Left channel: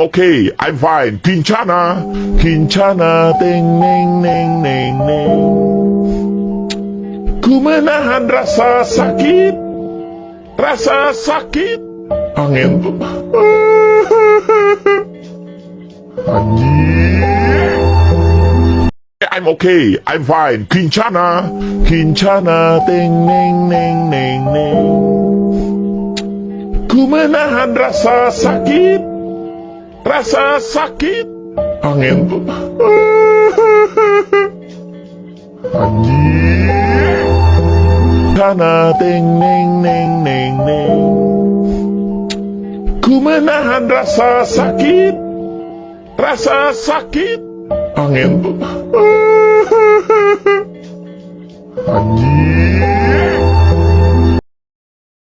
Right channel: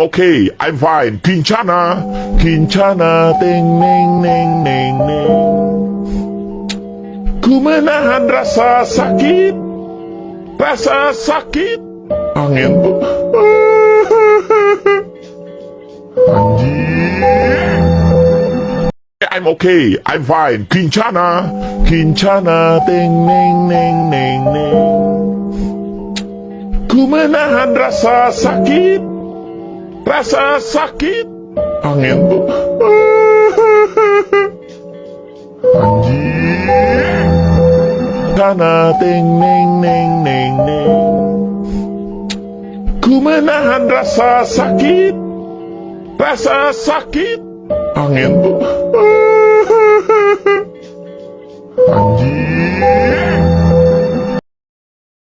okay, I'm fine. Kincana, kincana, ting, ning, ning, ning, ning. Ku menahan rasa sakit, angin tuh. Anjir. I'm okay, I'm fine. Kincana, kincana, ting, ning, ning, ning, ning. Ku menahan rasa sakit, angin tuh. Anjir. Kincana, ting, ning, ning, ning, ning. Ku menahan rasa sakit, angin tuh. Anjir.